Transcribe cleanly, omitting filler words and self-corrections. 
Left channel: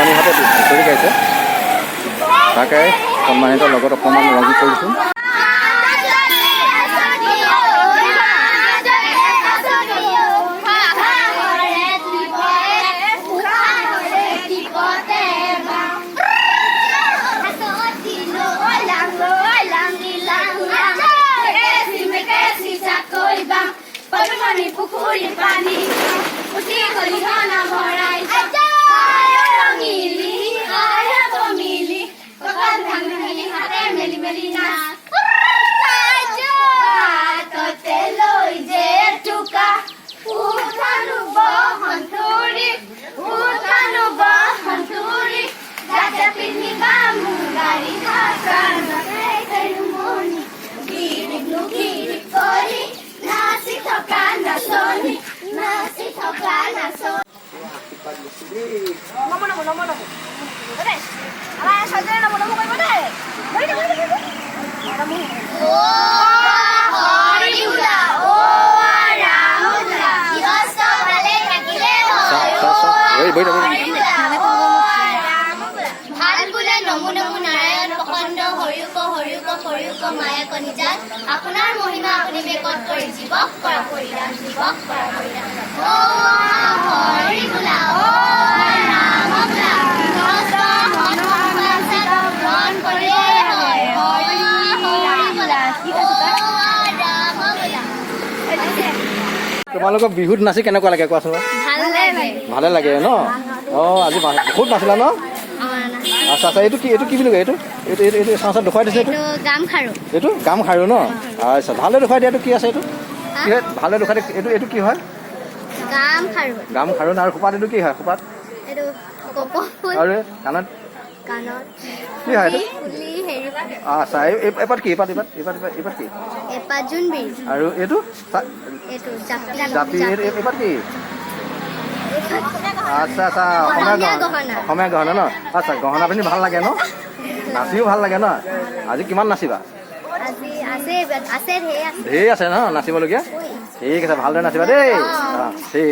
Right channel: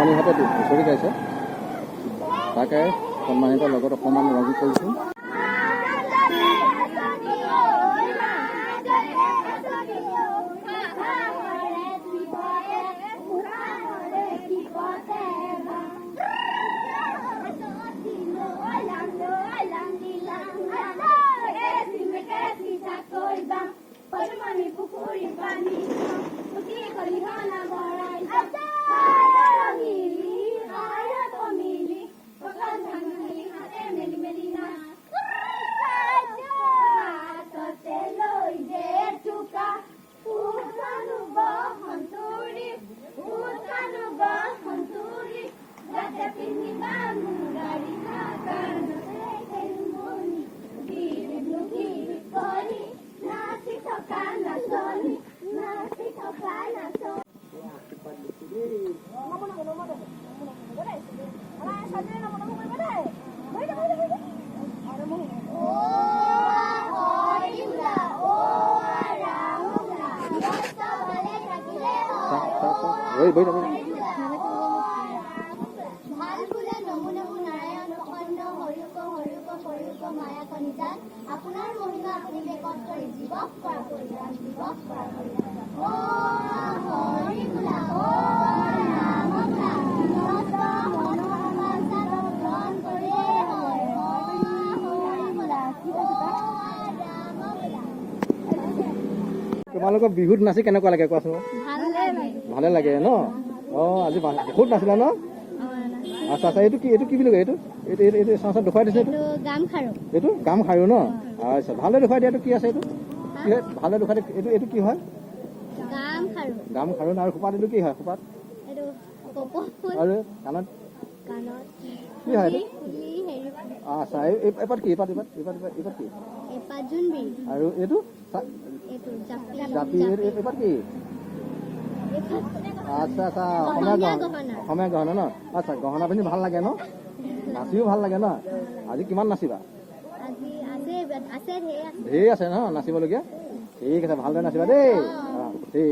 বামুণীহঁতে হুঁচৰি গাইছে তাকে সন্মানিতৰ লগত অকণমান ৰঙী কৰিছোঁ। পুখুৰী পানী উঠি খলিহনা ভৰাই ৰঙিলি মিলি কঁকাল ভাঙি ভাঙি হাতে মেলি মেলি নাচ হাততে লৈ যে টুকা উঠানো বসন্তৰী যাতে পিন্ধিবা মোৰ গাড়ী খাকাৰ মনি গিৰিক কৰি নাচি থকা নাচনি মায়া কণিজাত আপোনাৰ মহিমা আপুনি বেকত কৰি জীৱক কৰা পৰিধান ও হৰি বোলা ও ৰাম বোলা মন কৰে হয় হৰি বোলা ও ৰাম বোলা। তোমালোকক বিহুত নাচি কেনেকুৱা লাগে কোৱাচোন? ভালে লাগে ন? অঁ আজি বহুত নাচিলা ন? আচ্ছা আচ্ছা এইটো কি বুলি কয়? এইটো চাওঁ দেখুৱাই দিছে এইটো গাম খাৰু ন? আচ্ছা ভালে দেখুৱাই দিয়াটো কি আছে এইটো ভালে দেখুৱাই দিয়া এইটো কি হয়? গাম খাৰু আৰু খোপাত এইটো কি হয়? খোপাত আৰু কাণত কি হয় এইটো? আচ্ছা এপাত কি এপাত কি আৰু এইটো জাপি এপাত কি? আচ্ছা আচ্ছা অসমীয়া গহনা ন? আচ্ছা গহনা পিন্ধি ভাল লাগে ন? নাচিও ভাল লাগে ন? আজি কিমান নাচিবা? ঢেৰ আছে ন নাচিবলগীয়া? ঠিক আছে ভালদৰে নাচিবা দেই। ঠিক